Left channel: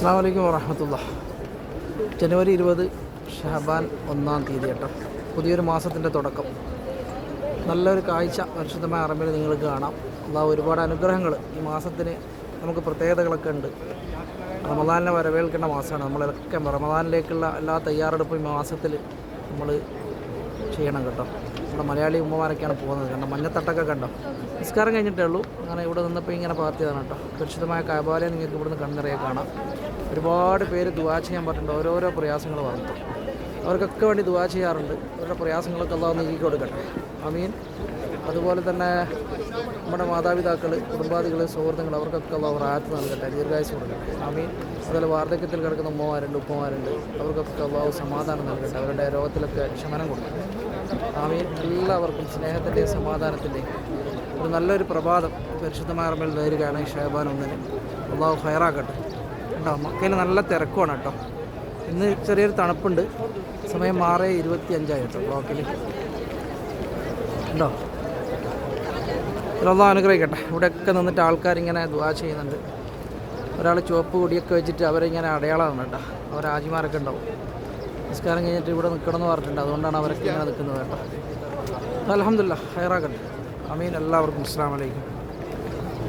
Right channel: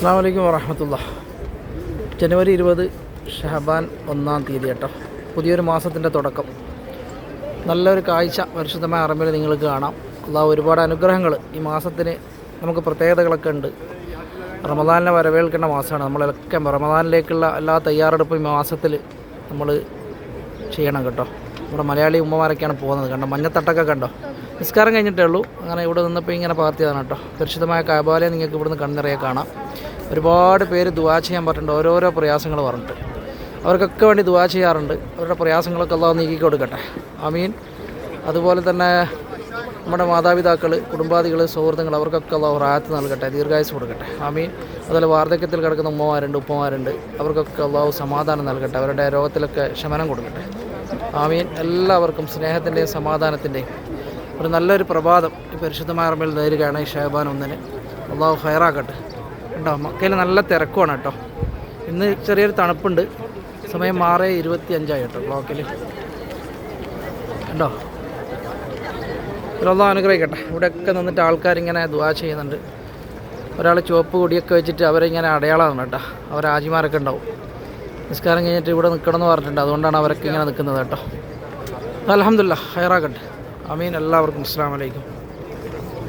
അസ്സലാമു അലൈക്കും വറഹ്മത്തുള്ളാഹി. ജനുവരി 20 ഷഹബാൻ 1-ാം തീയതി കേട്ടോ. പുതിയൊരു മാസത്തിൻ്റെ തുടക്കം. നല്ലൊരു കാഴ്ച പരിശുദ്ധമായ അറബിയിൽ നിങ്ങൾക്ക് കാണാം. അള്ളാഹു ഒരുപാട് അനുഗ്രഹങ്ങൾ ഈ മാസത്തിന് നമുക്ക് പ്രത്യേകതകളൊക്കെ ഉണ്ട്. റമദാനിനെ വരവേൽക്കേണ്ട മാസമാണ്. നമ്മളൊക്കെ റമദാനിലേക്കുള്ള എല്ലാ തയ്യാറെടുപ്പും ഈ മാസത്തിൽ നമ്മൾ ചെയ്യണം കേട്ടോ. നമ്മുടെ മലയാളി ഉമ്മമാരൊക്കെയാണ് പോകുന്നത്. കണ്ടോ, മഞ്ഞത്തട്ടൊക്കെ കണ്ടോ. നിസ്കാരം കഴിഞ്ഞിട്ടേ ഉള്ളൂ. അങ്ങനെ ഇവിടെ നിന്നപ്പോൾ ഇങ്ങനെ പാർത്തിയതാണ് കേട്ടോ. പരിശുദ്ധമായ കഅബയെ നിങ്ങൾക്ക് ഇവിടുന്ന് കണ്ണിറയെ കാണാം. ഒരുപാട് പേര് ദുആ ചെയ്യാൻ പറഞ്ഞിട്ടുണ്ട്. ഓരോരോ പ്രയാസങ്ങൾ പറഞ്ഞിട്ട് അവർക്കൊക്കെ വേണ്ടി ദുആ ചെയ്യാറുണ്ട്. അവരുടെ പ്രയാസങ്ങളൊക്കെ അല്ലാഹു നീക്കി കൊടുക്കട്ടെ, ആമീൻ. അതുപോലെ തന്നെ നമ്മുടെ മാതാപിതാക്കൾ, കുടുംബാദികൾ, സുഹൃത്തുക്കൾ, അവർക്കൊക്കെ അല്ലാഹു റാഹത്ത് നൽകട്ടെ, ദീർഘായുസ്സ് കൊടുക്കട്ടെ, ആമീൻ. അതുപോലെ വാർദ്ധക്യത്തിൽ കിടക്കുന്ന ഉമ്മമാരുണ്ട്, ഉപ്പമാരുണ്ട്, അവർക്കൊക്കെ അല്ലാഹു സമാധാനം നൽകട്ടെ, അവരുടെ രോഗത്തിലൊക്കെ ശമനം കൊടുക്കട്ടെ, ആമീൻ. എല്ലാവർക്കും സ്നേഹത്തിൻ്റെയും സമാധാനത്തിൻ്റെയും ഒരു നല്ലൊരു പ്രഭാതം ഈ പരിശുദ്ധമായ റമദാനിൽ നേരുകയാണ്. ഈ ഷഹബാൻ 1-ന് അല്ലാഹു ഖൈറാക്കട്ടെ. കേട്ടോ, മക്കയിൽ നല്ല തിരക്കുമാണ് കേട്ടോ. ഇന്ന് ചെറിയൊരു തണുപ്പുണ്ട്. സമയം 6:25 കേട്ടോ ക്ലോക്കിൽ. കണ്ടോ, അല്ലാഹു അനുഗ്രഹിക്കട്ടെ. ഇവിടെയൊക്കെ നിന്നിട്ട് ആൾക്കാരിങ്ങനെ ദുആ ചെയ്യുന്നുണ്ട്. ഒരാൾ ചുവപ്പ് കൊടിയൊക്കെ വെച്ചിട്ട് അവരിങ്ങനെ അടയാളമാണ് കേട്ടോ. അവർ ആജിമാരൊക്കെ ഉണ്ടാവും. നിസ്കാരം കഴിഞ്ഞിട്ട് ഇവിടെ നിൽക്കണമെന്ന് പറഞ്ഞിട്ടുണ്ട്. അതുകൊണ്ടാണ് അവരൊക്കെ ഇങ്ങനെ നിൽക്കുന്നത് കേട്ടോ. അൽഹംദുലില്ലാഹ്, ഖൈറാക്കട്ടെ, ആമീൻ. എല്ലാവർക്കും അസ്സലാമു അലൈക്കും.